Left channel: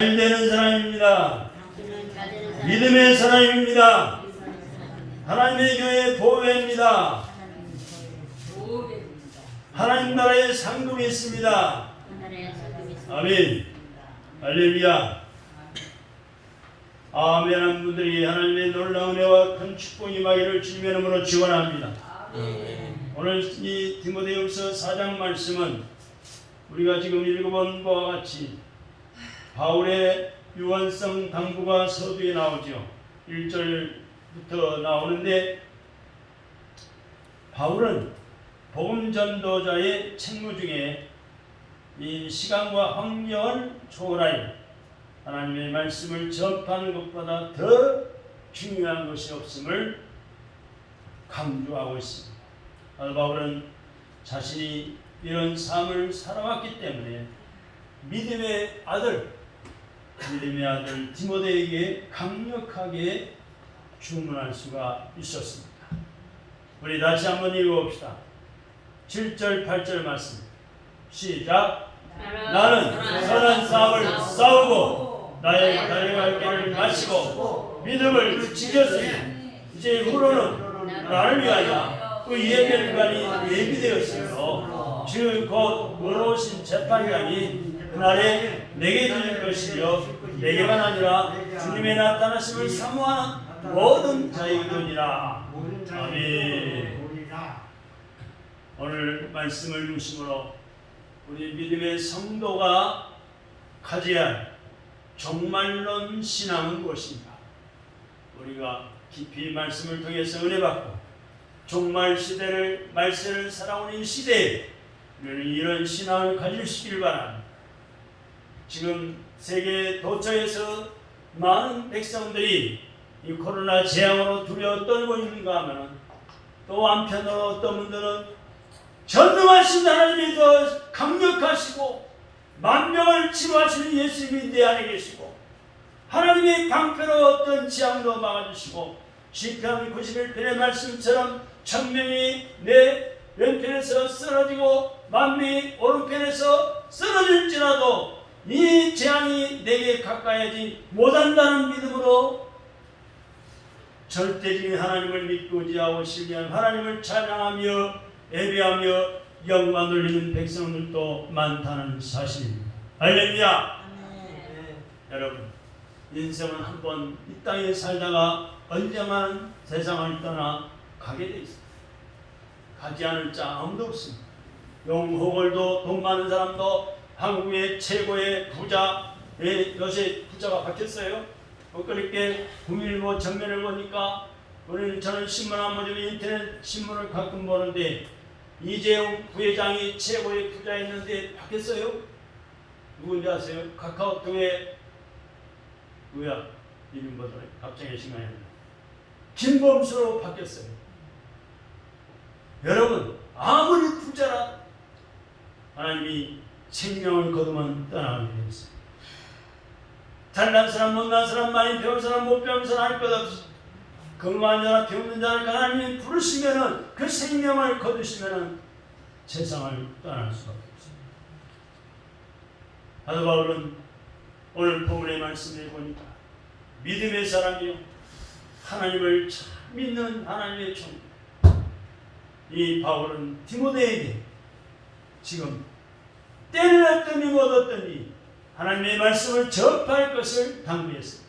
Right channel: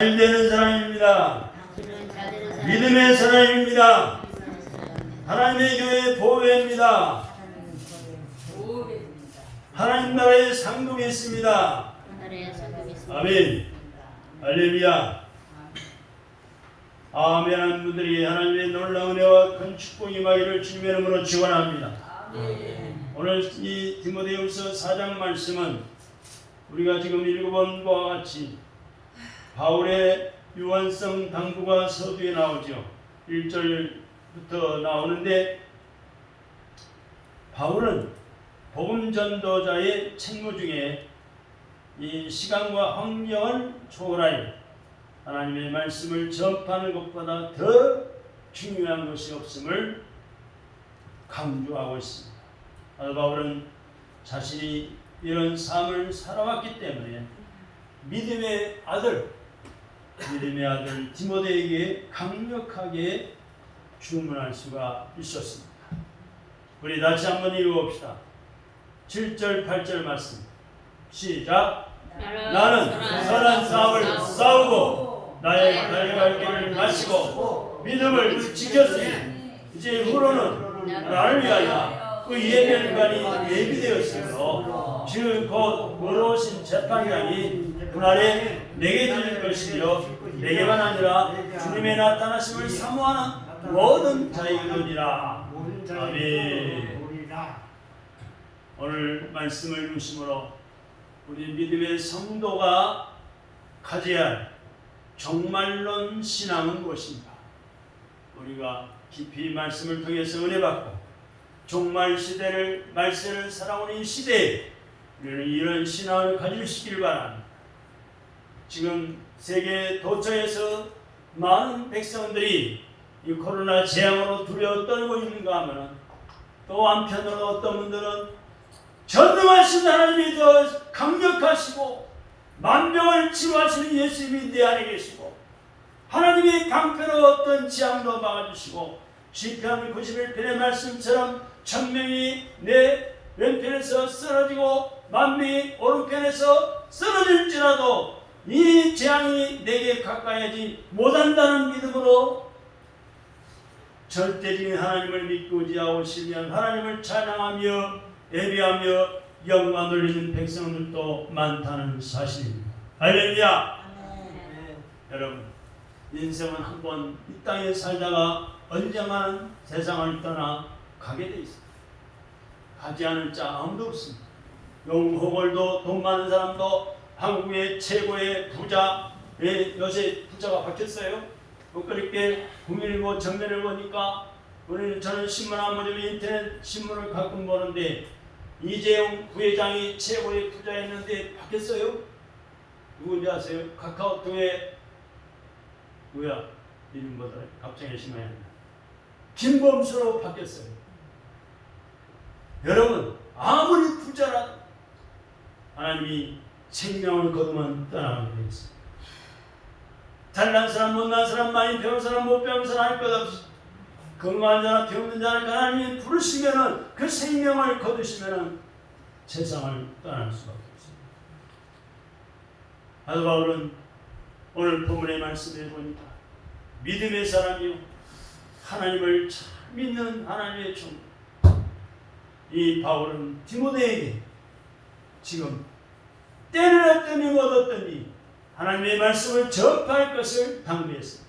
잘 되는 사람입니다. 믿음의 사람입니다. 하나님의 교회의 보배입니다. 하나님 나라의 상급이 있습니다. 아멘. 할렐루야. 아멘한 분들이 하나님의 놀라운 은혜와 큰 축복이 임하기를 주님의 이름으로 축원합니다. 오늘 이 디모데후서 4장 말씀은 우리가 지금 읽어본 바와 같이 바울의 유언성 당부가 서두에 나오죠. 1절부터 나오는데 바울은 복음 전도자의 책무 중에 이 시간과 환경을 초월하여 하나님의 말씀을 접하는 것보다 더 중요한 것이 없음을 강조하고 있습니다. 바울은 자신이 이런 삶을 살아왔기 때문에 믿음의 아들 디모데에게 강력하게 주문할 수가 있었습니다. 우리 다시 한번 읽어봅시다. 7절 8절 말씀 시작. 나는 선한 싸움을 싸우고 나의 달려갈 길을 마치고 믿음을 지켰으니 이제 후로는 나를 위하여 그 예배관이 예비되었으며 즉 곧 의로우신 재판관이 그날에 내게 주실 것이며 내게만 아니라 주님의 나타나심을 사모하는 모든 자에게로니라. 아멘. 오늘 말씀을 중심으로 우리 믿음의 성도가 가져야 할 종말론 신앙은 무엇인가? 우리가 깊이 말씀을 통해서 은혜받고 종말 시대를 말세를 살아오는 이 시대에 우리는 이런 신앙을 가지시길 바랍니다. 지금 세계 도처에서 많은 백성들이 이 코로나 재앙으로 두려워 떨고 있는가 하면 또 한편으로 어떤 분들은 전능하신 하나님이 더 강력하시고 만병을 치료하시는 예수님이 내 안에 계시고 하나님의 강패로 어떤 재앙도 막아주시고 시편 91편의 말씀처럼 천명이 내 왼편에서 쓰러지고 만명이 오른편에서 쓰러질지라도 이 재앙이 내게 가까이하지 못한다는 믿음으로 절대적인 하나님을 믿고 의지하고 신뢰하는 하나님을 찬양하며 예배하며 영광 돌리는 백성들도 많다는 사실입니다. 할렐루야. 여러분, 인생은 한번 이 땅에 살다가 언젠가는 세상을 떠나 가게 돼 있습니다. 가지 않을 자 아무도 없습니다. 용호걸도 돈 많은 사람도 한국의 최고의 부자, 요새 부자가 바뀌었어요. 그렇게 국민일보 정면을 보니까 저는 신문 안 보지만 인터넷 신문을 가끔 보는데 이재용 부회장이 최고의 부자였는데 바뀌었어요. 누군지 아세요? 카카오톡에 이름 뭐더라? 갑자기 생각이 안 나요. 김범수로 바뀌었어요. 여러분, 아무리 부자라 하나님이 생명을 거두면 떠나가게 되어 있습니다. 잘난 사람, 못난 사람, 많이 배운 사람, 못 배운 사람 할 것 없이 건강한 자나 병든 자를 하나님이 부르시면은 그 생명을 거두시면은 세상을 떠날 수가 없습니다. 사도 바울은 오늘 본문의 말씀을 보니까 믿음의 사람이요 하나님을 참 믿는 하나님의 종. 이 바울은 디모데에게 지금 때를 얻더니 못 얻더니 하나님의 말씀을 접할 것을 당부했습니다.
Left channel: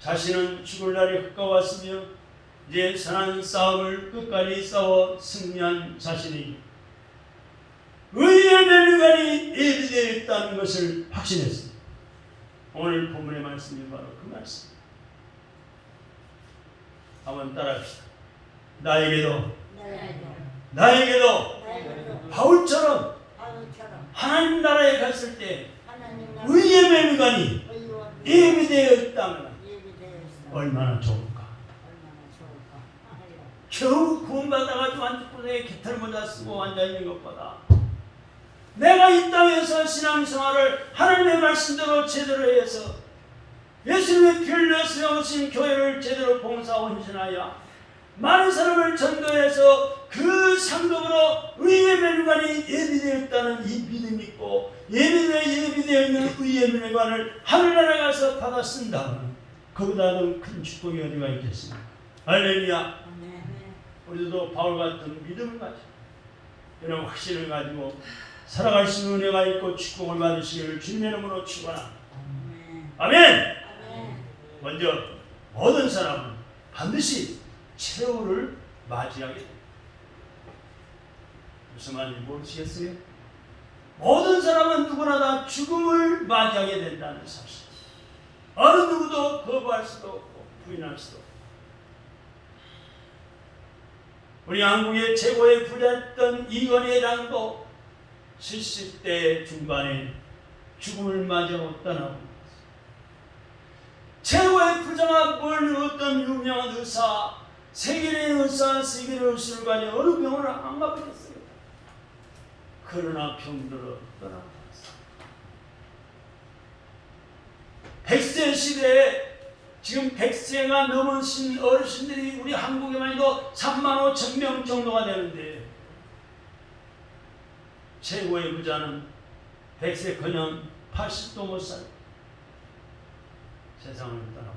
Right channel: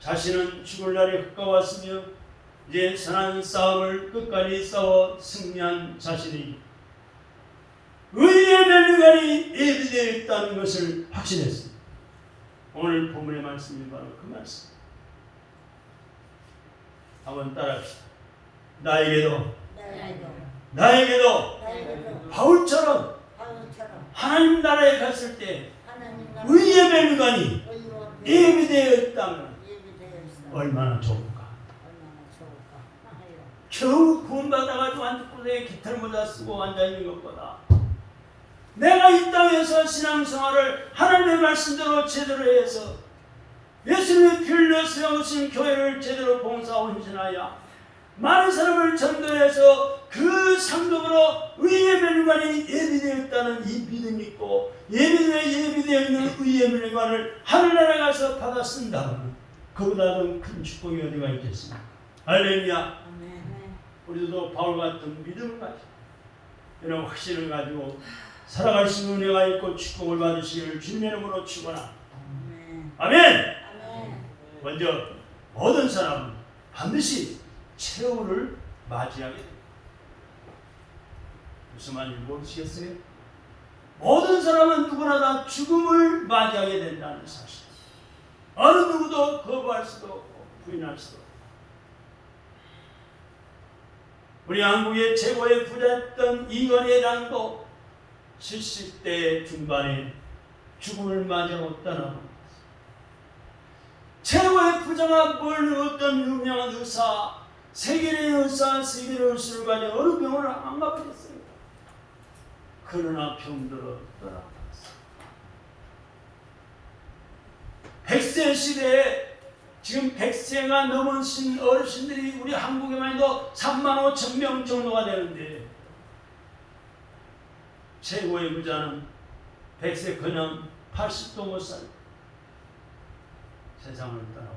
자신은 죽을 날이 가까웠으며 이제 선한 싸움을 끝까지 싸워 승리한 자신이 의의 멸류관이 예비되어 있다는 것을 확신했습니다. 오늘 본문의 말씀이 바로 그 말씀. 한번 따라합시다. 나에게도 바울처럼 하나님 나라에 갔을 때 의의 멸류관이 예비되어 있다면 얼마나 좋을까. 겨우 구원받아가지고 한국에 깃털 모자 쓰고 앉아있는 것보다 내가 이 땅에서 신앙생활을 하나님의 말씀대로 제대로 해서 예수님의 피 흘려 세우신 교회를 제대로 봉사하고 헌신하여 많은 사람을 전도해서 그 상급으로 의의 멸관이 예비되었다는 이 믿음이 있고 예비되어 있는 의의 멸관을 하늘나라 가서 받았습니다. 그보다 더 큰 축복이 어디가 있겠습니까? 할렐루야. 우리도 바울 같은 믿음을 가지고 이런 확신을 가지고 살아갈 수 있는 은혜가 있고 축복을 받으시기를 주님의 이름으로 축원합니다. 아멘. 먼저 모든 사람은 반드시 최후를 맞이하게 됩니다. 무슨 말인지 모르시겠어요? 모든 사람은 누구나 다 죽음을 맞이하게 된다는 사실. 어느 누구도 거부할 수도 없고 부인할 수도 없고. 우리 한국의 최고의 부자였던 이건희 회장도 70대 중반에 죽음을 맞이하고 떠나고 최고의 부자가 뭘 어떤 유명한 의사, 세계의 의사, 세계의 의술을 가지고 어느 병원을 안 가보겠어요. 그러나 병들어 떠나버렸어요. 100세 시대에 지금 100세가 넘은 어르신들이 우리 한국에만 해도 3만 5천 명 정도가 되는데 최고의 부자는 100세 그냥 80도 못 살고 세상을 떠나고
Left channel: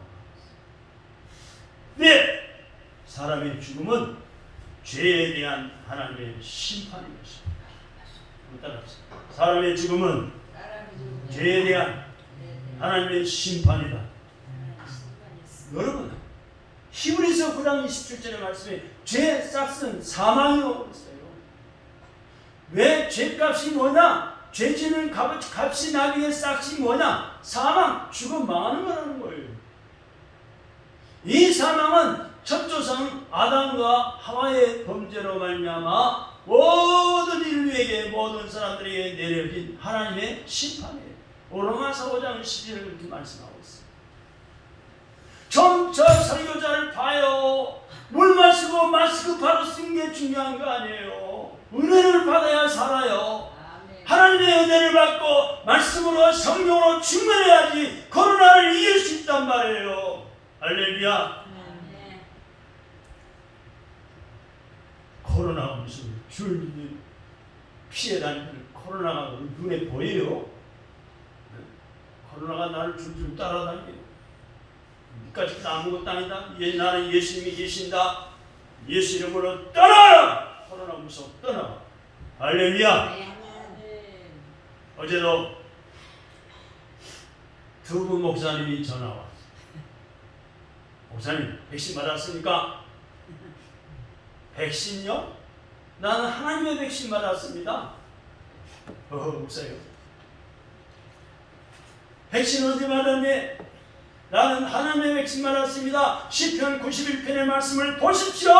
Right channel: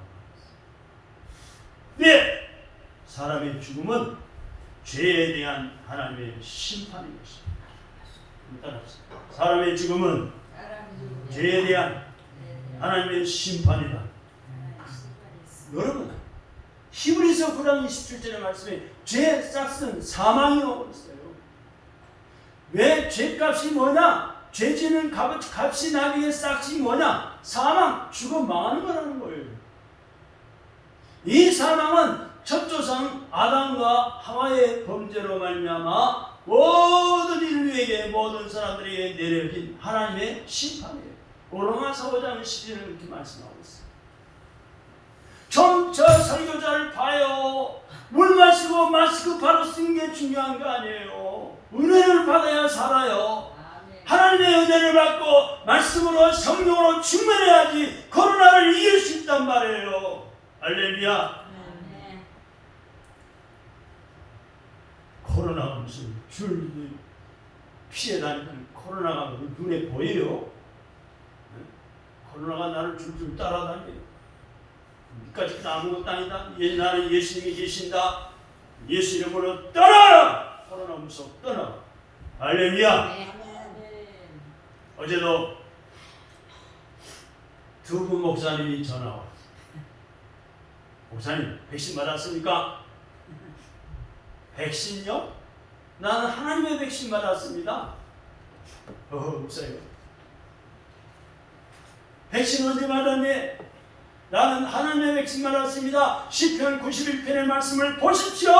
네! 사람의 죽음은 죄에 대한 하나님의 심판인 것입니다. 사람의 죽음은 죄에 대한 하나님의 심판이다. 여러분, 히브리서 9장 27절의 말씀에 죄 싹은 사망이라고 있어요. 왜 죄값이 뭐냐? 죄 지는 값이 나중에 싹이 뭐냐? 사망, 죽어 망하는 거라는 거예요. 이 사망은 첫 조상 아담과 하와의 범죄로 말미암아 모든 인류에게 모든 사람들에게 내려진 하나님의 심판이에요. 로마서 5장 11절을 이렇게 말씀하고 있어요. 좀 저 설교자를 봐요. 물 마시고 마스크 바로 쓰는 게 중요한 거 아니에요. 은혜를 받아야 살아요. 하나님의 은혜를 받고 말씀으로 성령으로 충만해야지 코로나를 이길 수 있단 말이에요. 할렐루야. 코로나가 무슨 줄 피해 다니는 코로나가 눈에 보여요? 코로나가 나를 줄줄 따라다니고 니까지 아무것도 아니다. 나는 예수님이 계신다. 예수 이름으로 떠나라. 코로나 무서워 떠나. 할렐루야. 어제도 두 분 목사님이 전화 왔어요. 목사님 백신 받았습니까? 백신요? 나는 하나님의 백신 받았습니다. 목사님 백신 언제 받았니? 나는 하나님의 백신 받았습니다. 시편 91편의 말씀을 보십시오.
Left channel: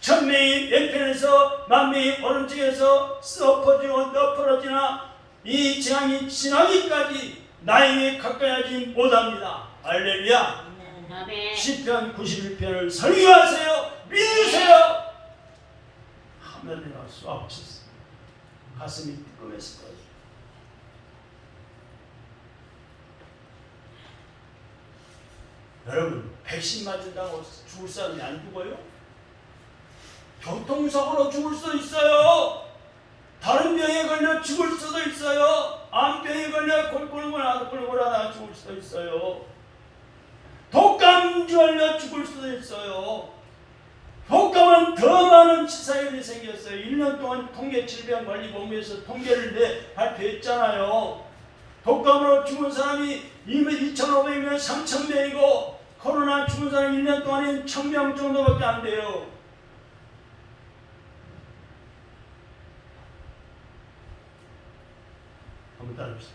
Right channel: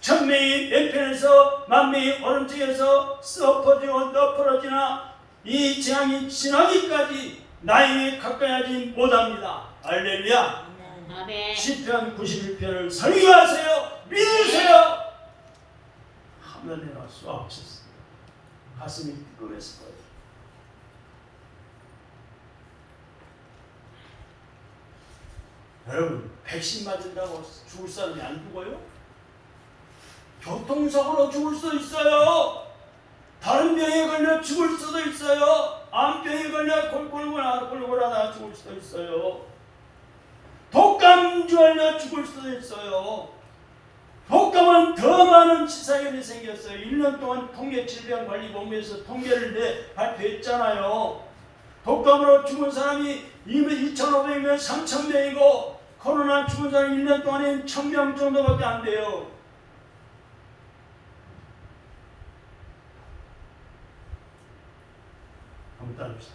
천명이 왼편에서 만명이 오른쪽에서 엎어지고 엎어지나 이 재앙이 지나기까지 나에게 가까이 하지 못합니다. 할렐루야. 시편 91편을 설교하세요. 믿으세요. 화면에 쏘아 오셨어요. 가슴이 뜨거웠을 거예요. 여러분, 백신 맞은다고 죽을 사람이 안 죽어요? 교통사고로 죽을 수도 있어요. 다른 병에 걸려 죽을 수도 있어요. 암병에 걸려 골골하다 죽을 수도 있어요. 독감주 걸려 죽을 수도 있어요. 독감은 더 많은 치사율이 생겼어요. 1년 동안 통계질병관리본부에서 통계를 발표했잖아요. 독감으로 죽은 사람이 2,500명, 3,000명이고 코로나 죽은 사람이 1년 동안에 1,000명 정도밖에 안 돼요. 한번 따릅시다.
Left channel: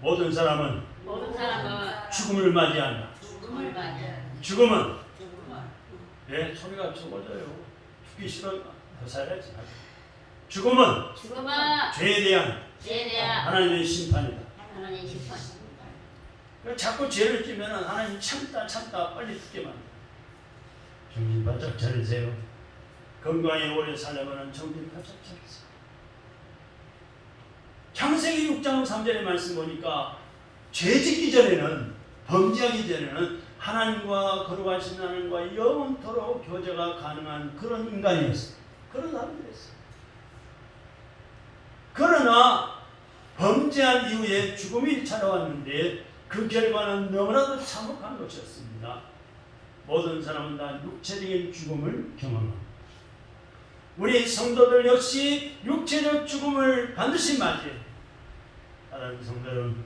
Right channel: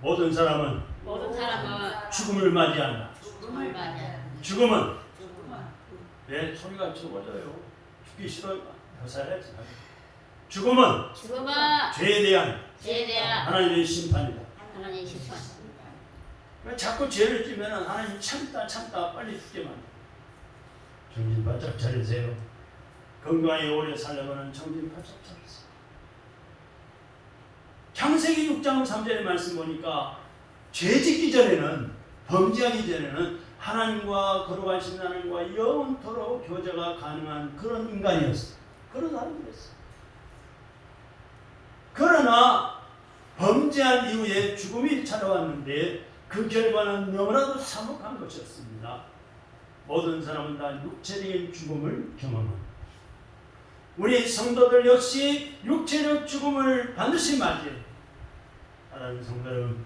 모든 사람은 죽음을 맞이한다. 죽음은 내 소리가 적어져요. 죽기 싫어요. 더 살아야지. 죽음은 죄에 대한 하나님의 심판이다. 자꾸 죄를 지면 하나님 참다 빨리 죽게 만들어. 정신 바짝 차리세요. 건강히 오래 살려면 정신 바짝 차리세요. 창세기 6장 3절의 말씀 보니까 죄 짓기 전에는 범죄하기 전에는 하나님과 거룩하신 하나님과 영원토록 교제가 가능한 그런 인간이었어요. 그런 사람들이었어요. 그러나 범죄한 이후에 죽음이 찾아왔는데 그 결과는 너무나도 참혹한 것이었습니다. 모든 사람은 다 육체적인 죽음을 경험합니다. 우리 성도들 역시 육체적 죽음을 반드시 맞이해요. 사랑하는 성도 여러분,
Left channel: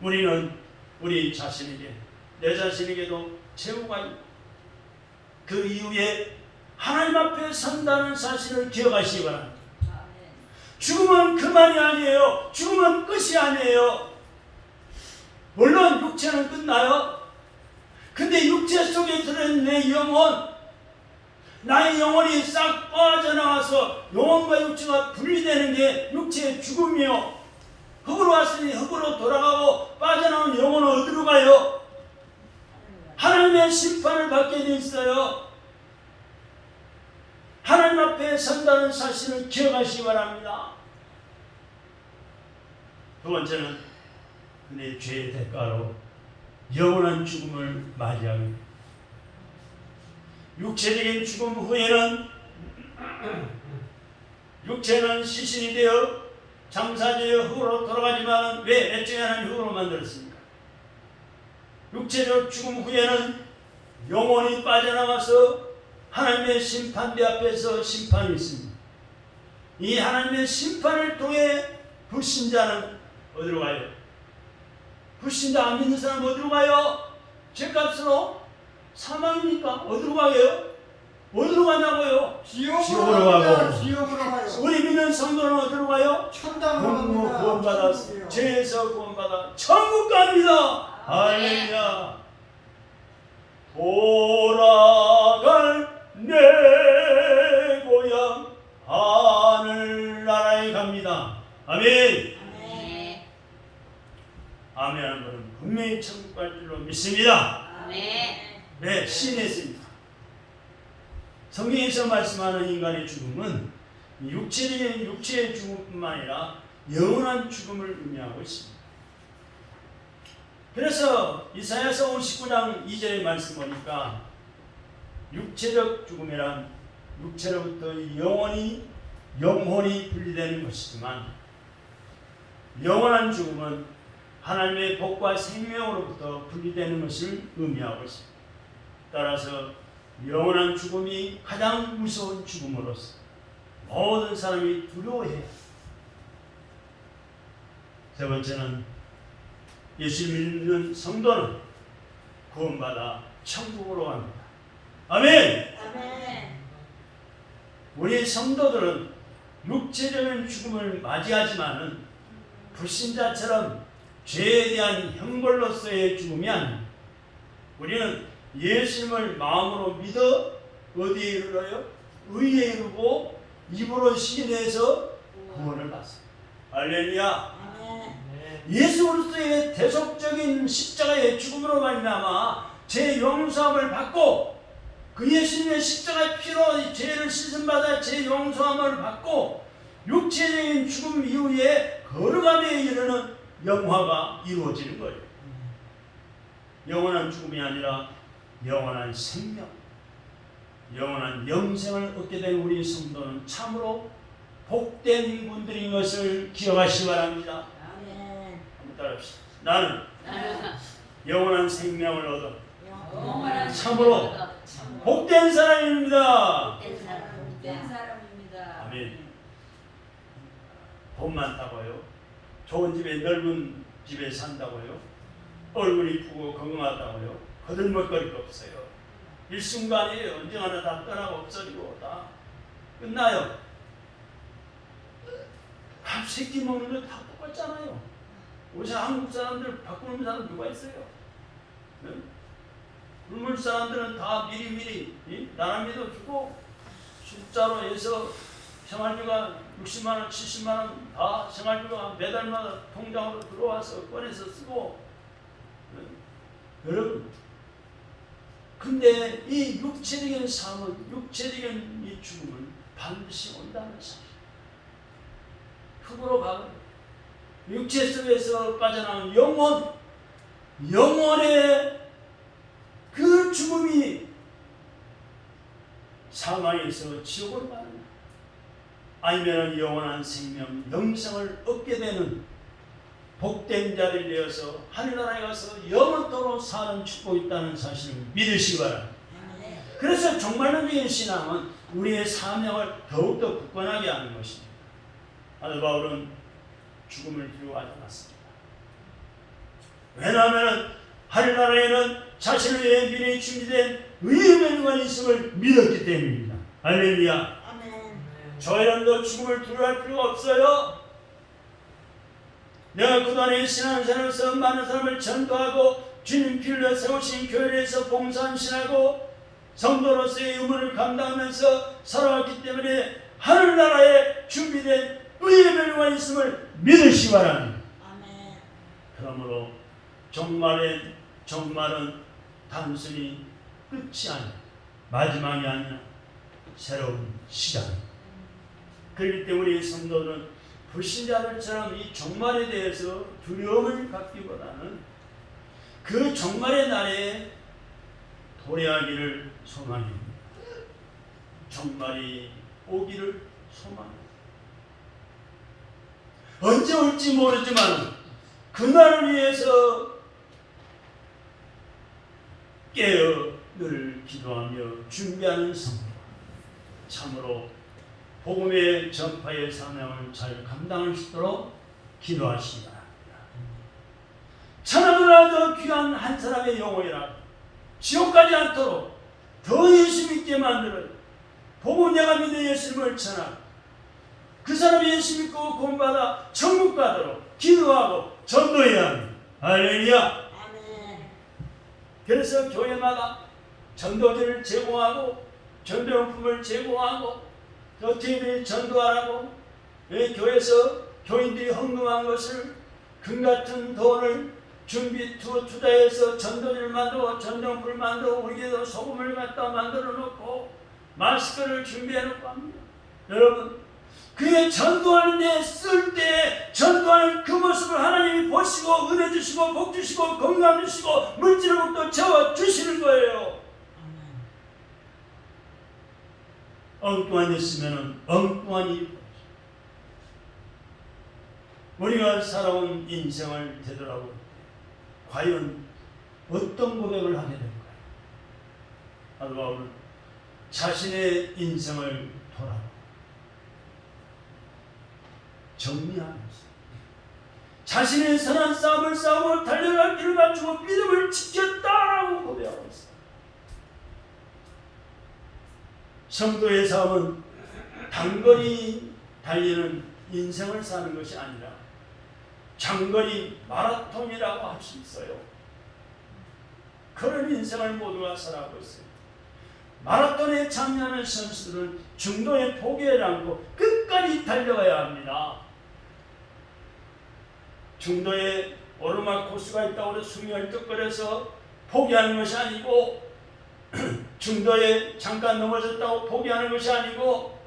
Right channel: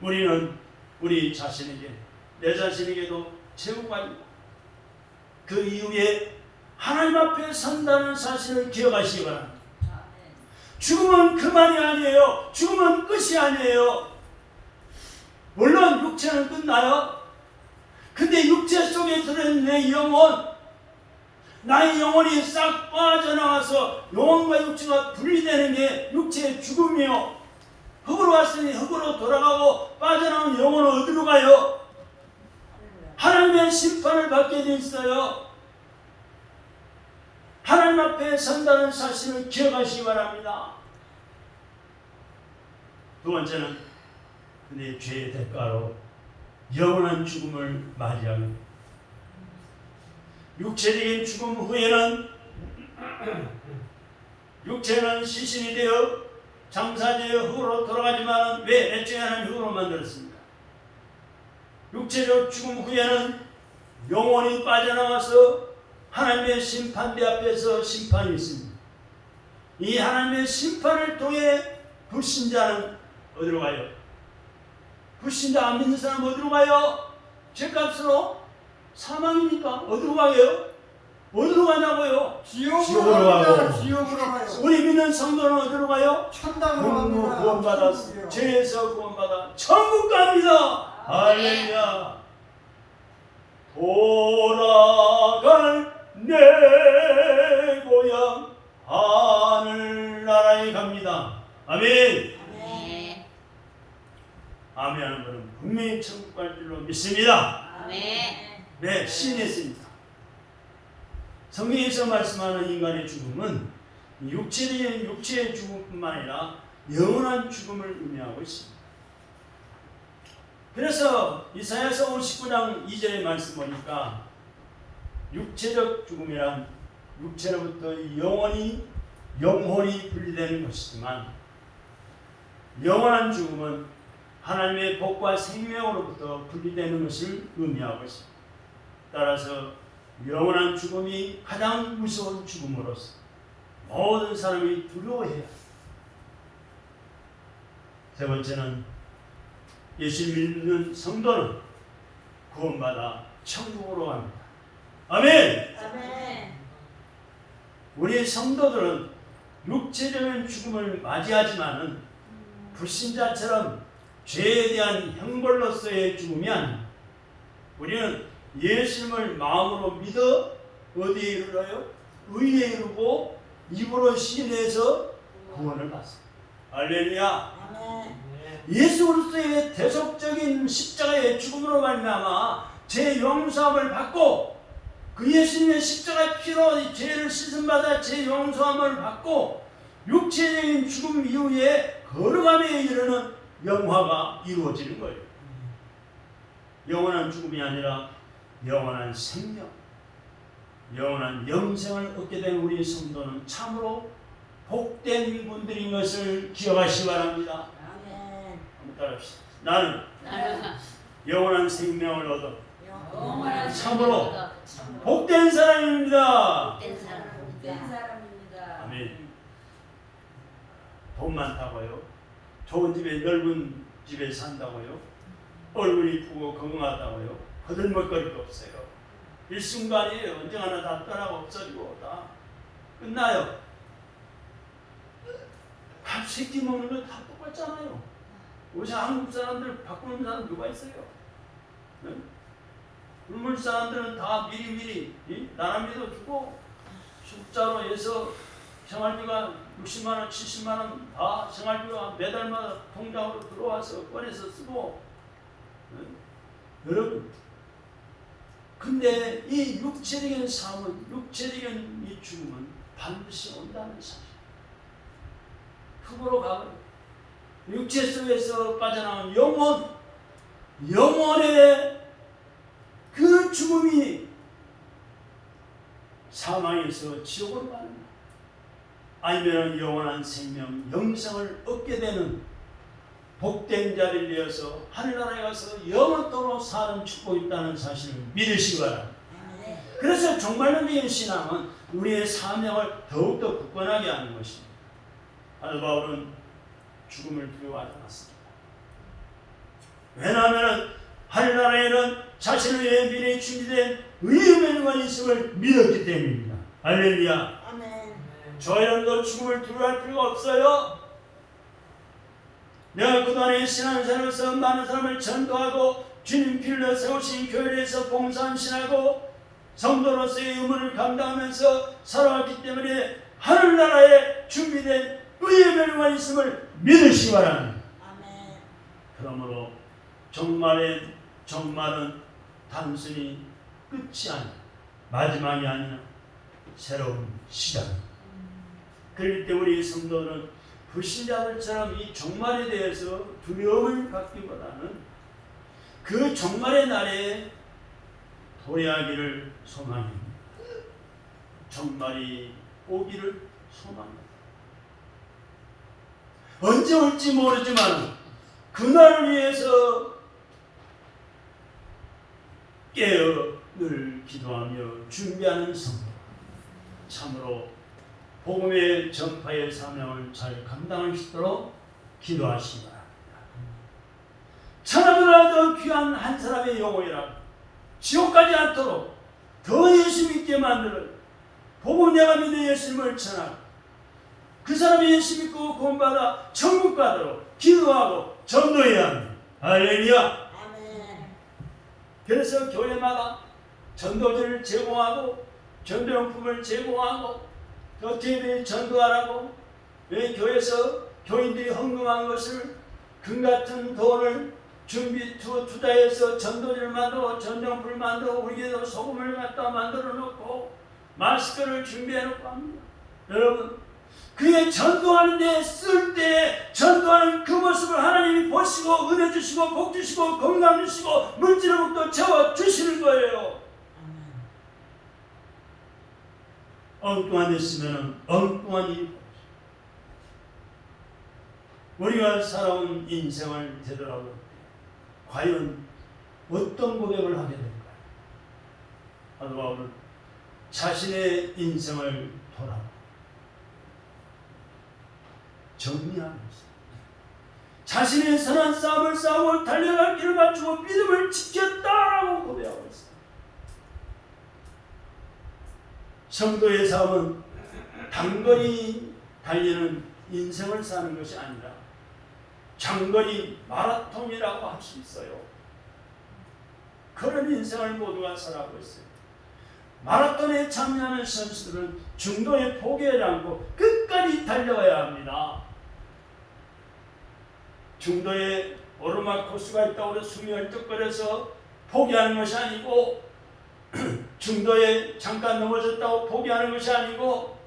우리는 우리 자신에게, 내 자신에게도 최후가 그 이후에 하나님 앞에 선다는 사실을 기억하시기 바랍니다. 죽음은 그만이 아니에요. 죽음은 끝이 아니에요. 물론 육체는 끝나요. 근데 육체 속에 들은 내 영혼, 나의 영혼이 싹 빠져나가서 영혼과 육체가 분리되는 게 육체의 죽음이요. 흙으로 갔으니 흙으로 돌아가고 빠져나온 영혼은 어디로 가요? 하나님의 심판을 받게 돼 있어요. 하나님 앞에 선다는 사실을 기억하시기 바랍니다. 두 번째는 내 죄의 대가로 영원한 죽음을 맞이하고, 육체적인 죽음 후에는 육체는 시신이 되어 장사되어 흙으로 돌아가지만 왜 애초에 하나님 흙으로 만들었습니까? 육체적 죽음 후에는 영혼이 빠져나가서 하나님의 심판대 앞에서 심판이 있습니다. 이 하나님의 심판을 통해 불신자는 어디로 가요? 불신자 안 믿는 사람 어디로 가요? 죄값으로 사망이니까 어디로 가요? 어디로 가냐고요? 지옥으로 가요. 지옥으로 가요. 우리 믿는 성도는 어디로 가요? 천당으로 갑니다. 구원받아 죄에서 구원받아 천국 갑니다. 할렐루야. 돌아갈 내 고향 하늘나라에 갑니다. 아멘. 아멘 하는 것은 분명히 천국 갈 줄로 믿습니다. 네, 신했습니다. 성경에서 말씀하는 인간의 죽음은 육체의 죽음뿐만 아니라 영원한 죽음을 의미하고 있습니다. 그래서 이사야서 59장 2절의 말씀 보니까 육체적 죽음이란 육체로부터 영혼이 분리되는 것이지만, 영원한 죽음은 하나님의 복과 생명으로부터 분리되는 것을 의미하고 있습니다. 따라서 영원한 죽음이 가장 무서운 죽음으로서 모든 사람이 두려워해요. 세 번째는 예수를 믿는 성도는 구원받아 천국으로 갑니다. 아멘. 우리 성도들은 육체적인 죽음을 맞이하지만은 불신자처럼 죄에 대한 형벌로서의 죽음이 아닙니다. 우리는 예수님을 마음으로 믿어 어디에 이르러요? 의에 이르고 입으로 시인해서 구원을 받습니다. 할렐루야. 예수 그리스도의 대속적인 십자가의 죽음으로 말미암아 제 용서함을 받고, 그 예수님의 십자가의 피로 죄를 씻음받아 제 용서함을 받고 육체적인 죽음 이후에 거룩함에 이르는 영화가 이루어지는 거예요. 영원한 죽음이 아니라 영원한 생명, 영원한 영생을 얻게 된 우리 성도는 참으로 복된 분들인 것을 기억하시기 바랍니다. 한번 따라합시다. 나는 영원한 생명을 얻어 참으로 복된 사람입니다. 아멘. 돈 많다고요? 좋은 집에, 넓은 집에 산다고요? 얼굴이 이쁘고 건강하다고요? 거들먹거릴 거 없어요. 일순간이에요. 언젠가는 다 떠나고 없어지고 다 끝나요. 밥 세끼 먹는 거 다 똑같잖아요. 요새 한국 사람들 바꾸는 사람 누가 있어요? 네? 우물 사람들은 다 미리미리 나라미도 주고 숫자로 해서 생활비가 60만원, 70만원 다 생활비가 매달마다 통장으로 들어와서 꺼내서 쓰고. 여러분, 근데 이 육체적인 삶은, 육체적인 이 죽음은 반드시 온다는 사실. 흙으로 가고 육체 속에서 빠져나온 영혼, 영원의 그 죽음이 사망에서 지옥으로 가는, 아니면 영원한 생명, 영생을 얻게 되는 복된 자를 되어서 하늘나라에 가서 영원토록 사는 축복이 있다는 사실을 믿으시기 바랍니다. 그래서 정말론적인 신앙은 우리의 사명을 더욱더 굳건하게 하는 것입니다. 사도 바울은 죽음을 두려워하지 않았습니다. 왜냐하면 하늘나라에는 자신을 위해 미래에 준비된 의의 명령이 있음을 믿었기 때문입니다. 할렐루야. 저 여러분도 죽음을 두려워할 필요가 없어요. 내가 그동안에 신앙생활에서 많은 사람을 전도하고 주님 필로 세우신 교회에서 봉사하고 성도로서의 의무를 감당하면서 살아왔기 때문에 하늘나라에 준비된 의의 멸류관이 있음을 믿으시기 바랍니다. 그러므로 정말은 단순히 끝이 아니라 마지막이 아니라 새로운 시작입니다. 그렇기 때문에 우리 성도들은 불신자들처럼 이 종말에 대해서 두려움을 갖기보다는 그 종말의 날에 도래하기를 소망합니다. 종말이 오기를 소망합니다. 언제 올지 모르지만 그날을 위해서 깨어 늘 기도하며 준비하는 성도, 참으로 복음의 전파의 사명을 잘 감당할 수 있도록 기도하시기 바랍니다. 천하보다 더 귀한 한 사람의 영혼이라 지옥 가지 않도록 더 예수 믿게 만들어 복음 내가 믿는 예수님을 전하고 그 사람이 예수 믿고 구원받아 천국 가도록 기도하고 전도해야 합니다. 할렐루야. 그래서 교회마다 전도지를 제공하고 전도용품을 제공하고 어떻게 전도하라고, 왜 교회에서 교인들이 헌금한 것을 금같은 돈을 투자해서 전도지를 만들고 전도용품을 만들고 우리에도 소금을 갖다 만들어 놓고 마스크를 준비해 놓고 합니다. 여러분, 그의 전도하는 데 쓸 때 전도하는 그 모습을 하나님이 보시고 은혜 주시고 복 주시고 건강 주시고 물질로부터 채워 주시는 거예요. 엉뚱한 데 쓰면 엉뚱한 일이 벌어져요. 우리가 살아온 인생을 되돌아볼 때 과연 어떤 고백을 하게 될까요? 사도 바울은 자신의 인생을 돌아보고 정리하면서 자신의 선한 싸움을 싸우고 달려갈 길을 맞추고 믿음을 지켰다라고 고백하고 있습니다. 성도의 삶은 단거리 달리는 인생을 사는 것이 아니라 장거리 마라톤이라고 할 수 있어요. 그런 인생을 모두가 살아가고 있어요. 마라톤에 참여하는 선수들은 중도에 포기하지 않고 끝까지 달려가야 합니다. 중도에 오르막 코스가 있다고 해서 숨이 헐떡거려서 포기하는 것이 아니고, 중도에 잠깐 넘어졌다고 포기하는 것이 아니고,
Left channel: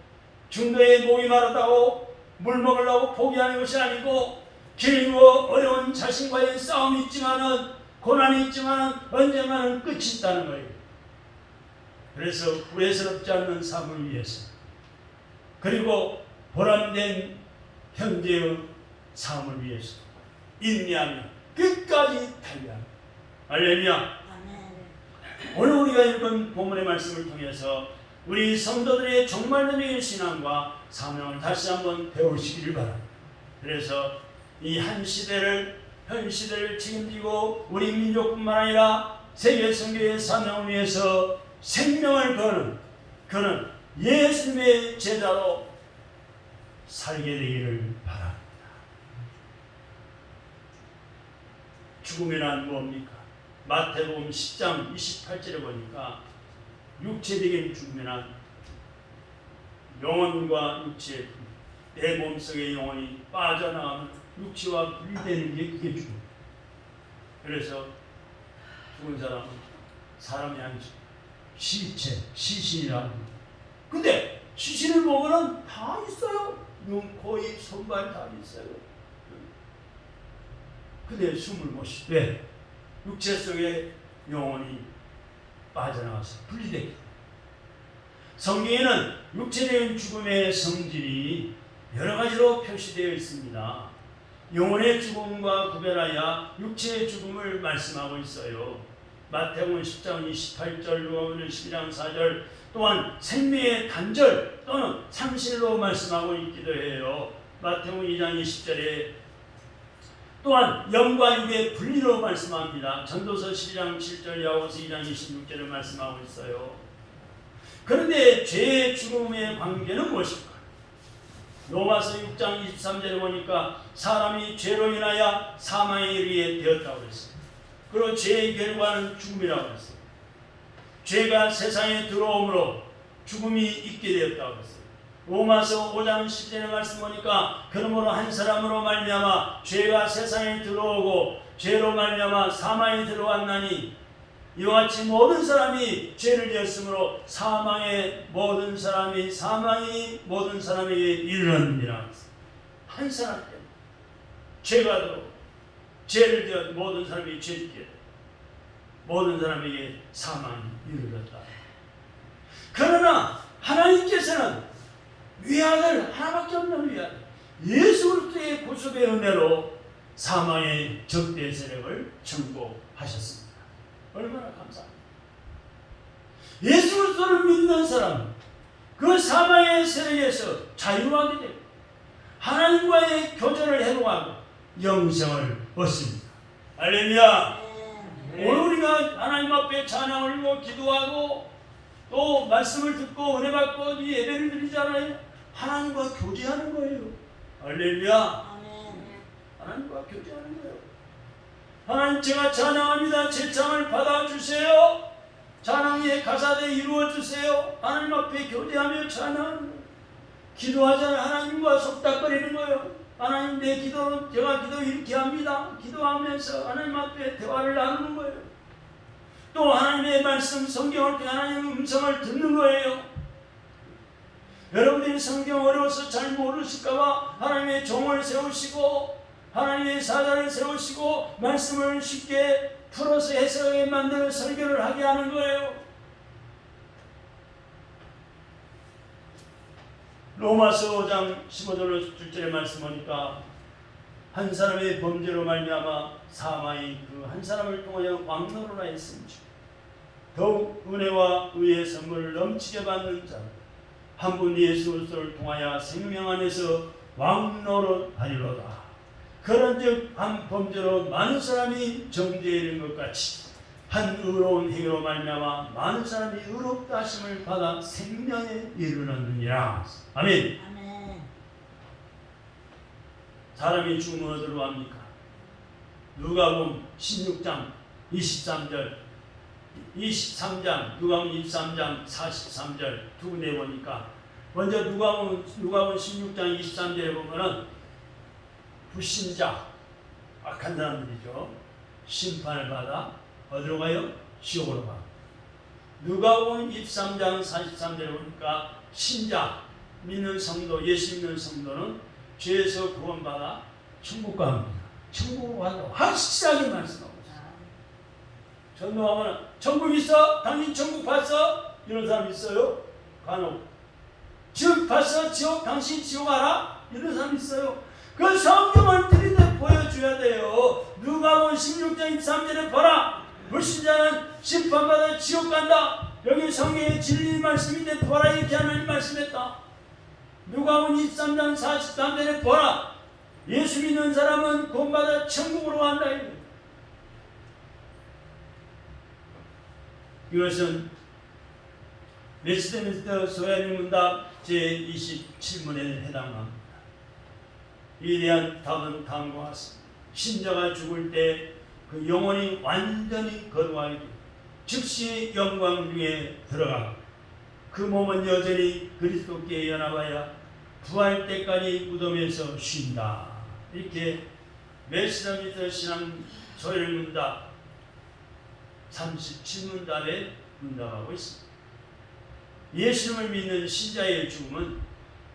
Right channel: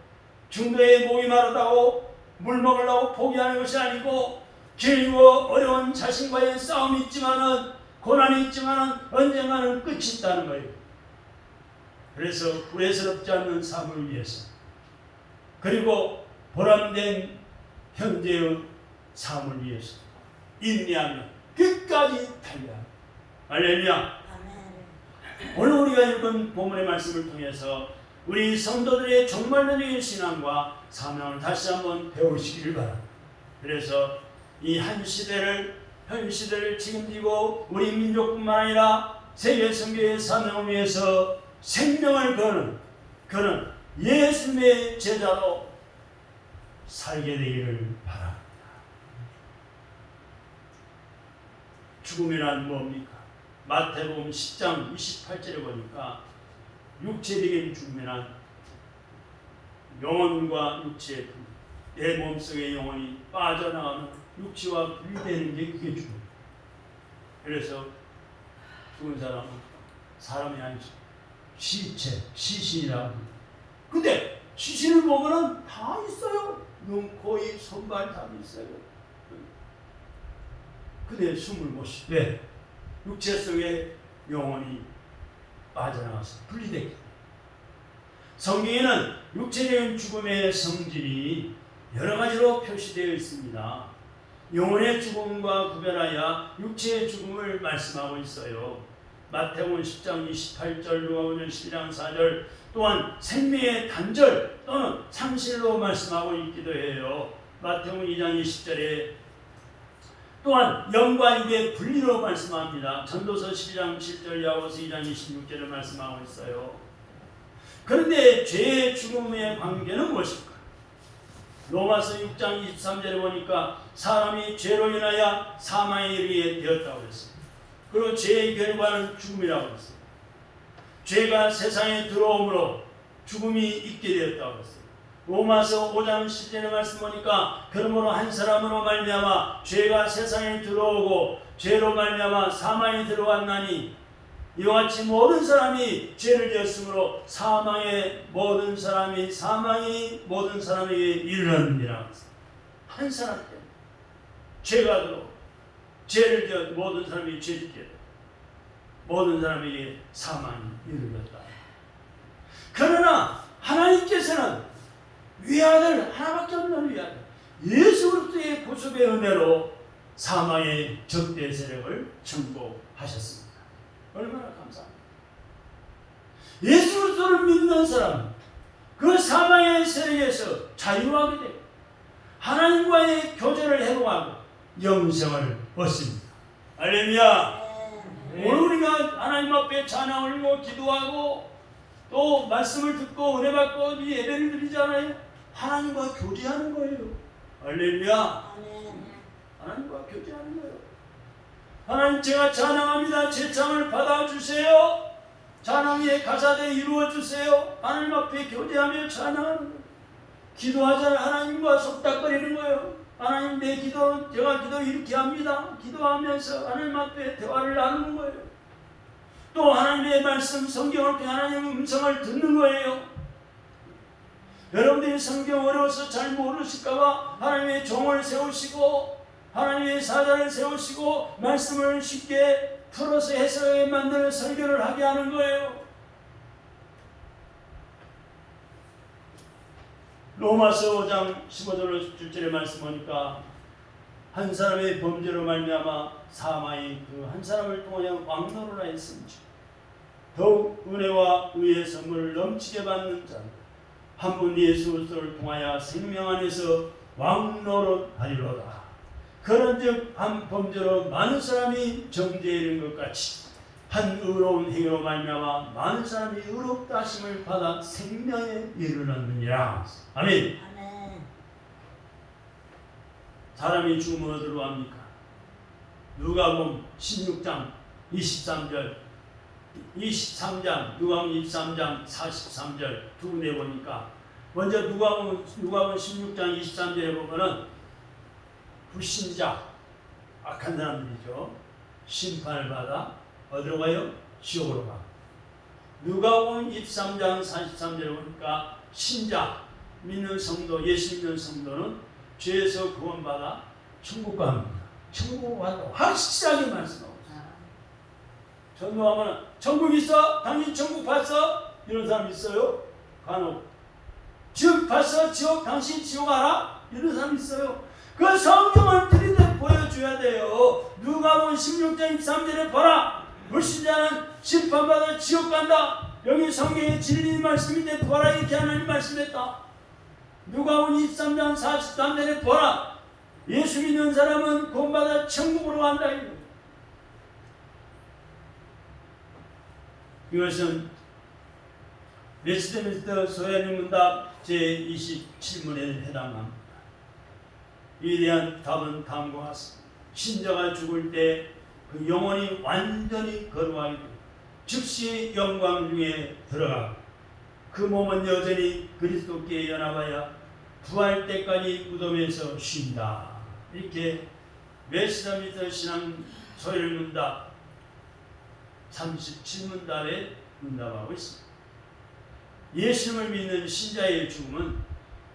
중도에 목이 마르다고 물 먹으려고 포기하는 것이 아니고, 길고 어려운 자신과의 싸움이 있지만은, 고난이 있지만은 언젠가는 끝이 있다는 거예요. 그래서 후회스럽지 않는 삶을 위해서, 그리고 보람된 현재의 삶을 위해서 인내하며 끝까지 달려갑니다. 할렐루야. 오늘 우리가 읽은 본문의 말씀을 통해서 우리 성도들의 종말론적인 신앙과 사명을 다시 한번 배우시기를 바랍니다. 그래서 이 현 시대를 책임지고 우리 민족뿐만 아니라 세계 선교의 사명을 위해서 생명을 거는 예수님의 제자로 살게 되기를 바랍니다. 죽음이란 뭡니까? 마태복음 10장 28절에 보니까 육체적인 죽음이란 영혼과 육체의 분리, 내 몸속의 영혼이 빠져나가면 육체와 분리되는 게 그게 죽음. 그래서 죽은 사람은 사람이 아니죠. 시체, 시신이라고. 근데 시신을 보면은 다 있어요. 눈, 코, 입, 손발 다 있어요. 근데 숨을 못 쉬. 왜? 육체 속에 영혼이 빠져나와서 분리되기 때문에 성경에는 육체적인 죽음의 성질이 여러 가지로 표시되어 있습니다. 영혼의 죽음과 구별하여 육체의 죽음을 말씀하고 있어요. 마태복음 10장 28절, 누가복음 12장 4절, 또한 생명의 단절 또는 상실로 말씀하고 있기도 해요. 마태복음 2장 20절에 또한 영과 육의 분리로 말씀합니다. 전도서 12장 7절, 야고보서 2장 26절을 말씀하고 있어요. 그런데 죄의 죽음의 관계는 무엇일까? 로마서 6장 23절에 보니까 사람이 죄로 인하여 사망에 이르게 되었다고 그랬어요. 그리고 죄의 결과는 죽음이라고 했어요. 죄가 세상에 들어옴으로 죽음이 있게 되었다고 했어요. 로마서 5장 10절의 말씀 보니까 그러므로 한 사람으로 말미암아 죄가 세상에 들어오고 죄로 말미암아 사망이 들어왔나니 이와 같이 모든 사람이 죄를 지었으므로 사망이 모든 사람에게 이르렀느니라. 한 사람 때문에 죄가 들어오고 죄를 지어 모든 사람이 죄짓게 되고 모든 사람에게 사망이 이르렀다. 그러나 하나님께서는 위아들 하나밖에 없는 위아들 예수 그리스도의 구속의 은혜로 사망의 적대 세력을 정복하셨습니다. 얼마나 감사합니다. 예수 그리스도를 믿는 사람 그 사망의 세력에서 자유하게 되고 하나님과의 교제를 회복하고 영생을 얻습니다. 할렐루야. 오늘 우리가 하나님 앞에 찬양을 올리고 기도하고 또 말씀을 듣고 은혜 받고 이 예배를 드리잖아요. 하나님과 교제하는 거예요. 할렐루야. 하나님과 교제하는 거예요. 하나님 제가 찬양합니다. 제 찬양을 받아주세요. 찬양의 가사대 이루어주세요. 하나님 앞에 교제하며 찬양하는 거예요. 기도하자 하나님과 속닥거리는 거예요. 하나님 내 기도 제가 기도 이렇게 합니다. 기도하면서 하나님 앞에 대화를 나누는 거예요. 또 하나님의 말씀 성경을 통해 하나님의 음성을 듣는 거예요. 여러분들이 성경 어려워서 잘 모르실까봐 하나님의 종을 세우시고 하나님의 사자를 세우시고 말씀을 쉽게 풀어서 해석하게 만드는 설교를 하게 하는 거예요. 로마서 5장 15절 7절의 말씀 보니까 한 사람의 범죄로 말미암아 사망이 그 한 사람을 통하여 왕노로라 했음즉 더욱 은혜와 의의 선물을 넘치게 받는 자 한 분 예수 그리스도를 통하여 생명 안에서 왕노로 하리로다. 그런즉 한 범죄로 많은 사람이 정죄에 이른 것 같이 한 의로운 행위로 말미암아 많은 사람이 의롭다 하심을 받아 생명에 이르렀느니라. 아멘. 사람이 죽으면 어디로 갑니까? 누가복음 16장 23절 23장 누가복음 23장 43절 두 군데 보니까 먼저 누가복음 16장 23절에 보면은 불신자 악한 사람들이죠. 심판을 받아 어디로 가요? 지옥으로 가. 누가복음 23장 43절에 보니까 신자 믿는 성도 예수 믿는 성도는 죄에서 구원받아 천국 갑니다. 천국 가서 확실하게 말씀하고 있어요. 전도하면 천국 있어? 당신 천국 봤어? 이런 사람 있어요? 간혹. 지옥 봤어? 지옥 당신 지옥 알아? 이런 사람 있어요. 그 성경을 들이대 보여줘야 돼요. 누가복음 16장 23절에 봐라. 불신자는 심판받아 지옥 간다. 여기 성경에 진리 말씀인데 보라 이렇게 하나님 말씀했다. 누가복음 23장 43절에 보라. 예수 믿는 사람은 구원받아 천국으로 간다. 이것은 웨스트민스터 소야민 문답 제27문에 해당합니다. 이에 대한 답은 다음과 같습니다. 신자가 죽을 때 그 영혼이 완전히 거듭하게 되고 즉시 영광 중에 들어가고 그 몸은 여전히 그리스도께 연합하여 부활 때까지 무덤에서 쉰다. 이렇게 웨스트민스터 신앙 소열 문답 37문답에 문답하고 있습니다. 예수님을 믿는 신자의 죽음은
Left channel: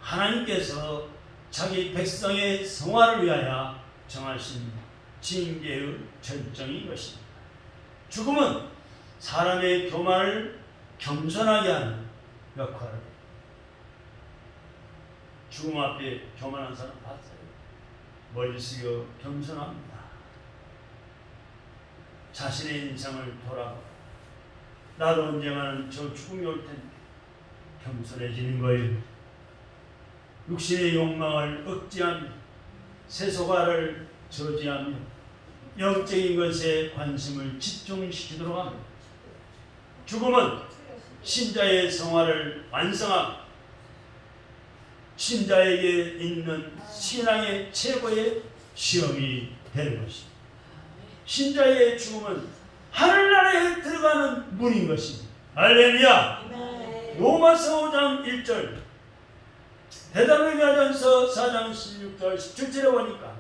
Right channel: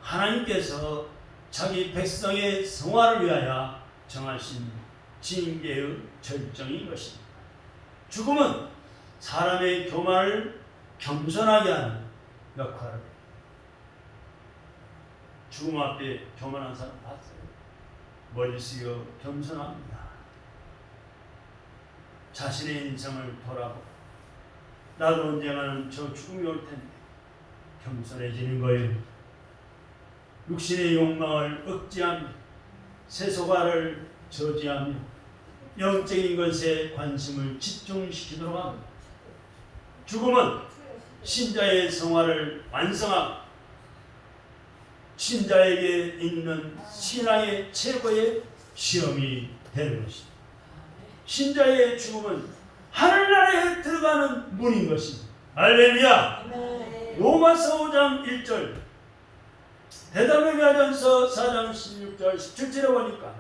하나님께서 자기 백성의 성화를 위하여 정하신 징계의 절정인 것입니다. 죽음은 사람의 교만을 겸손하게 하는 역할을 해요. 죽음 앞에 교만한 사람 봤어요? 머리 숙여 겸손합니다. 자신의 인생을 돌아보고 나도 언젠가는 저 죽음이 올 텐데 겸손해지는 거예요. 육신의 욕망을 억제하며 세속화를 저지하며 영적인 것에 관심을 집중시키도록 합니다. 죽음은 신자의 성화를 완성하고 신자에게 있는 신앙의 최고의 시험이 되는 것입니다. 신자의 죽음은 하늘나라에 들어가는 문인 것입니다. 할렐루야. 로마서 5장 1절 데살로니가전서 4장 16절 17절에 보니까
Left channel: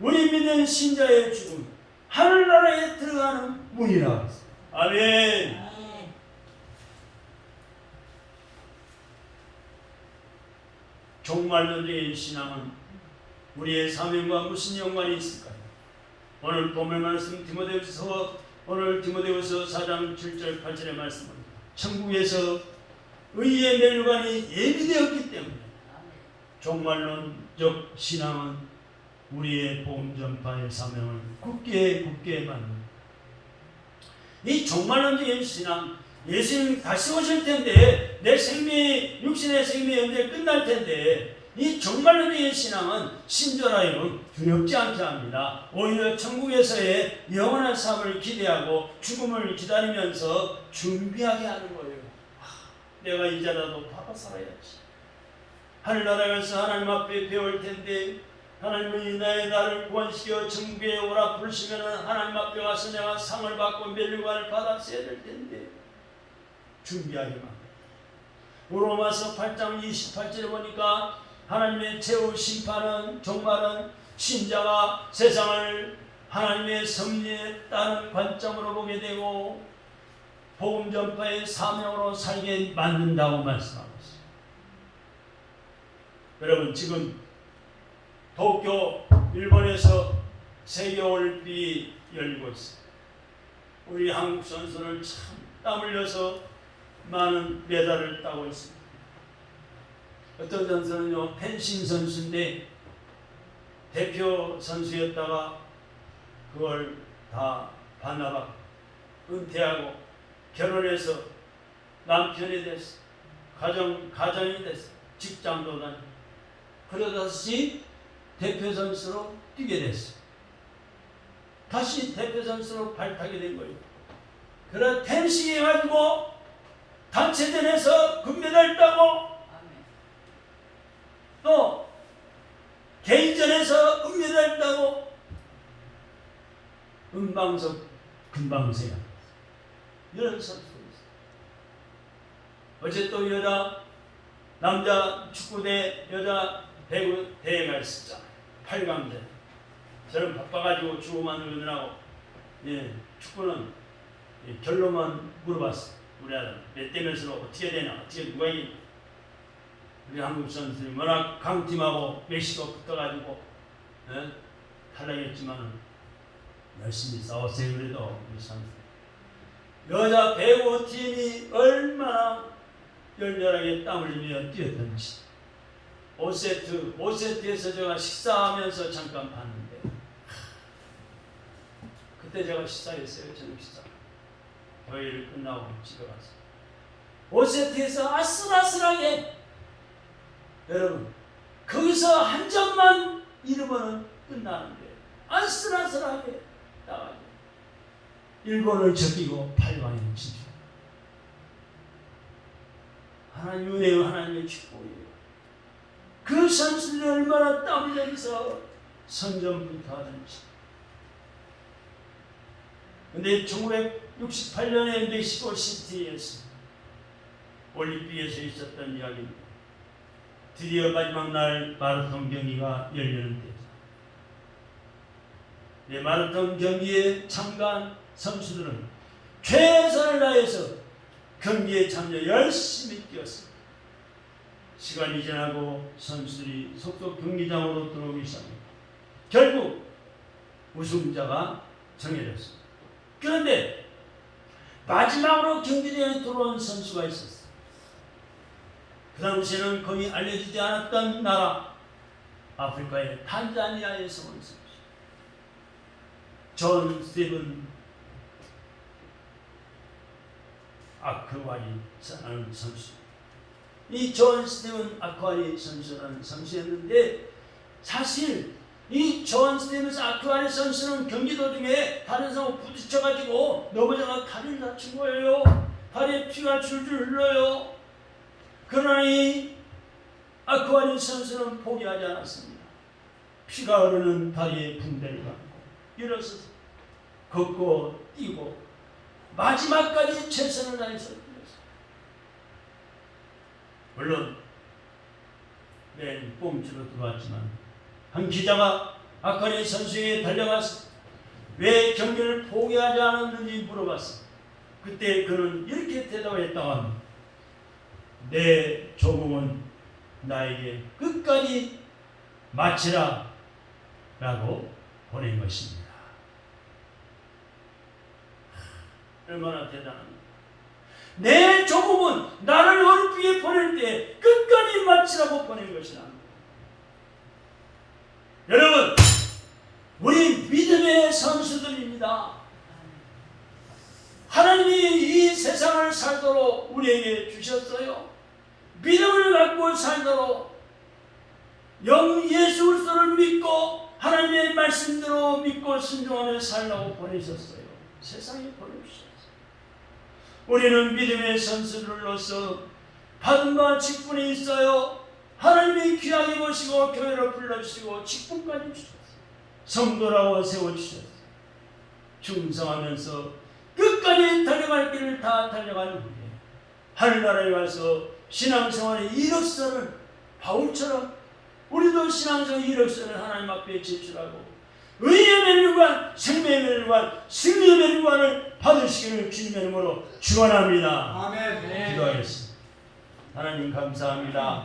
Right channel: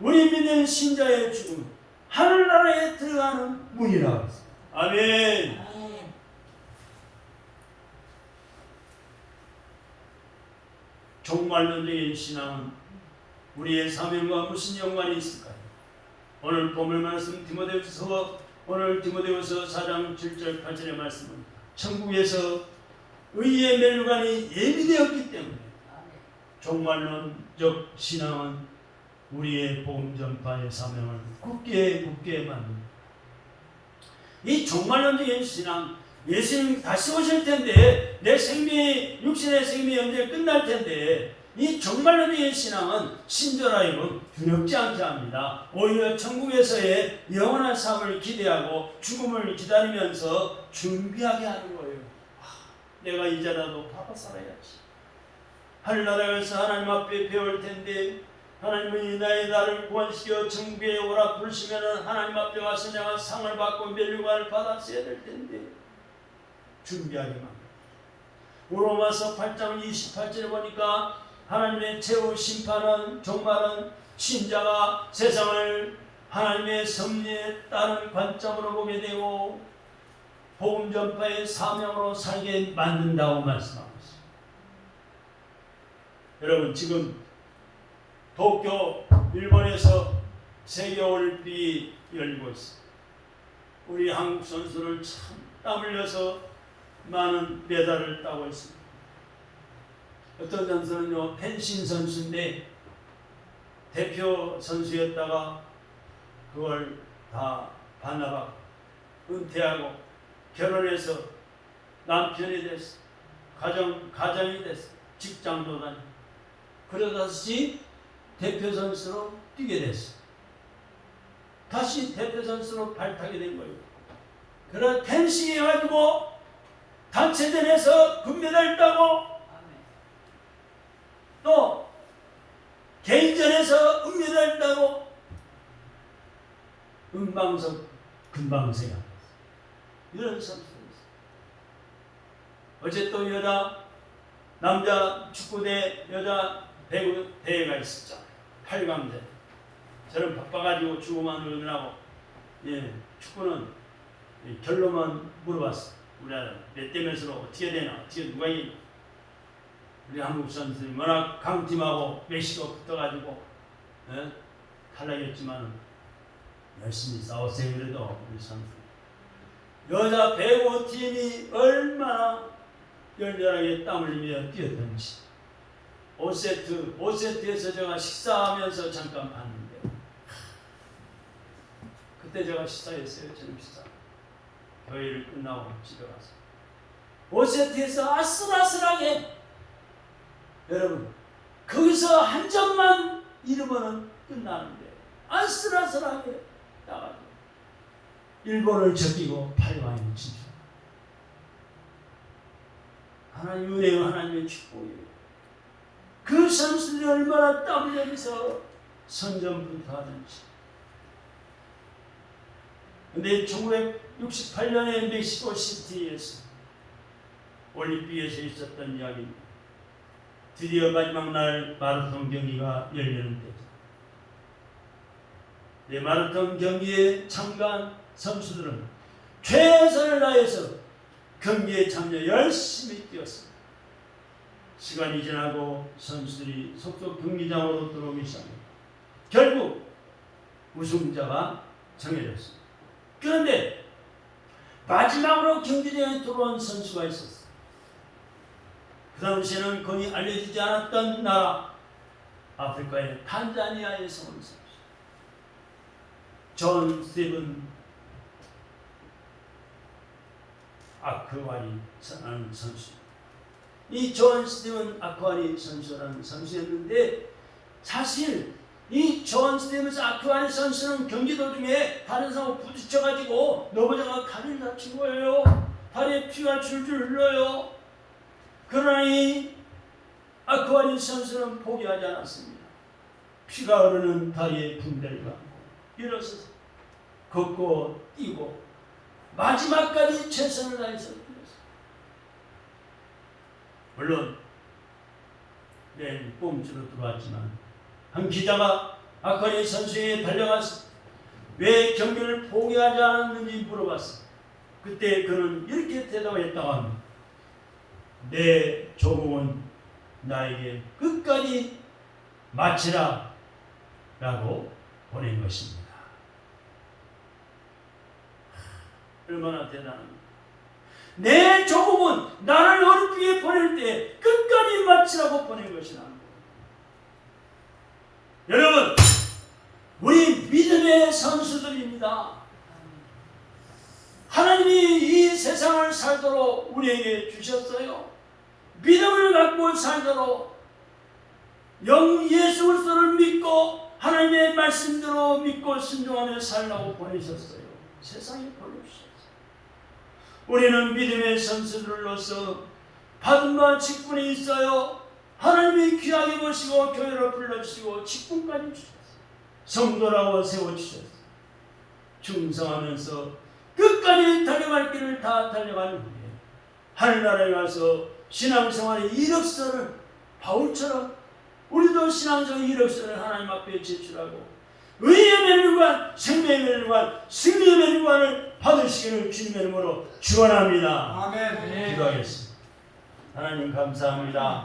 우리 믿는 신자의 죽음은 하늘나라에 들어가는 문이라고 했습니다. 아멘. 종말론적인 신앙은 우리의 사명과 무슨 연관이 있을까요? 오늘 본문 말씀 오늘 디모데후서 4장 7절 8절의 말씀입니다. 천국에서 의의 멸관이 예비되었기 때문에 종말론적 신앙은 우리의 복음 전파의 사명을 굳게 받는 이 종말론적인 신앙, 예수님 다시 오실 텐데 내 생명이 육신의 생명이 언제 끝날 텐데 이 종말론적인 신앙은 신절하여금 두렵지 않게 합니다. 오히려 천국에서의 영원한 삶을 기대하고 죽음을 기다리면서 준비하게 하는 거예요. 내가 이제라도 바빠 살아야지. 하늘나라에서 하나님 앞에 배울 텐데 하나님은 나를 구원시켜 천국에 오라 부르시면 하나님 앞에 가서 내가 상을 받고 멸류관을 받았어야 될 텐데 준비하기만 합니다. 로마서 8장 28절에 보니까 하나님의 최후 심판은 종말은 신자가 세상을 하나님의 섭리에 따른 관점으로 보게 되고 복음 전파의 사명으로 살게 만든다고 말씀하고 있습니다. 여러분 지금 도쿄 일본에서 세계올림픽이 열리고 있습니다. 우리 한국 선수를 참 땀 흘려서 많은 메달을 따고 있습니다. 어떤 선수는요 펜싱 선수인데 대표 선수였다가 그걸 다 반납하고 은퇴하고 결혼해서 남편이 됐어. 가정이 됐어. 직장도 다니고 그러다시 대표 선수로 뛰게 됐어. 다시 대표 선수로 발탁이 된 거예요. 그런 펜싱 해가지고 단체전에서 금메달 따고 또 개인전에서 은메달 따고 은방석 금방새가 이런 선수들이 있어요. 어제 또 남자 축구대 여자 배구 대회가 있었죠. 8강대. 저는 바빠가지고 축구만 의논하고 축구는 결론만 물어봤어요. 우리 아들 몇 대 몇으로 어떻게 되나 어떻게 누가 이기나. 우리 한국 선수들이 워낙 강팀하고 멕시코 붙어가지고 탈락했지만 열심히 싸웠어요. 그래도 우리 선수 여자 배구 팀이 얼마나 열렬하게 땀 흘리며 뛰었던지 5세트에서 제가 식사하면서 잠깐 봤는데 그때 제가 식사했어요. 저녁 식사 교회를 끝나고 집에 가서 5세트에서 아슬아슬하게 여러분 거기서 한 점만 잃으면 끝나는데 아슬아슬하게 나가고 일본을 적이고 8강에 진출. 하나님 은혜요, 하나님의 축복이에요. 그 선수들이 얼마나 땀 흘리면서 선전부터 하든지. 근데 1968년에 멕시코 시티에서 올림픽에서 있었던 이야기입니다. 드디어 마지막 날 마라톤 경기가 열리는 때죠. 마라톤 경기에 참가한 선수들은 최선을 다해서 경기에 참여 열심히 뛰었습니다. 시간이 지나고 선수들이 속속 경기장으로 들어오기 시작합니다. 결국 우승자가 정해졌습니다. 그런데 마지막으로 경기장에 들어온 선수가 있었어요. 그 당시에는 거의 알려지지 않았던 나라, 아프리카의 탄자니아에서 온 선수, 존 스티븐 아크와리라는 선수. 이 존 스티븐 아크와리 선수라는 선수였는데, 사실 이 존 스티븐 아크와리 선수는 경기 도중에 다른 사람하고 부딪혀가지고 넘어져가 다리를 다친 거예요. 다리에 피가 줄줄 흘러요. 그러니 아크와리 선수는 포기하지 않았습니다. 피가 흐르는 다리에 붕대를 감고 일어서서 걷고 뛰고 마지막까지 최선을 다해서 뛰었어요. 물론 맨 꼼수로 들어왔지만 한 기자가 아크와리 선수에게 달려가서 왜 경기를 포기하지 않았는지 물어봤어요. 그때 그는 이렇게 대답했다고 합니다. 내 조공은 나에게 끝까지 마치라 라고 보낸 것입니다. 얼마나 대단합니까? 내 조공은 나를 어렵게 보낼 때 끝까지 마치라고 보낸 것이라. 여러분, 우리 믿음의 선수들입니다. 하나님이 이 세상을 살도록 우리에게 주셨어요. 믿음을 갖고 살도록 예수 그리스도를 믿고 하나님의 말씀대로 믿고 순종하며 살라고 보내셨어요. 세상에 보내주셨어요. 우리는 믿음의 선수들로서 받은 바 직분이 있어요. 하나님이 귀하게 보시고 교회로 불러주시고 직분까지 주셨어요. 성도라고 세워주셨어요. 충성하면서 끝까지 달려갈 길을 다 달려간 후에 하늘나라에 가서 신앙생활의 이력서를 바울처럼 우리도 신앙생활의 이력서를 하나님 앞에 제출하고 의의 멸류관, 생명의 멸류관, 승리의 멸류관을 받으시기를 주님의 이름으로 축원합니다. 아멘. 기도하겠습니다. 하나님 감사합니다.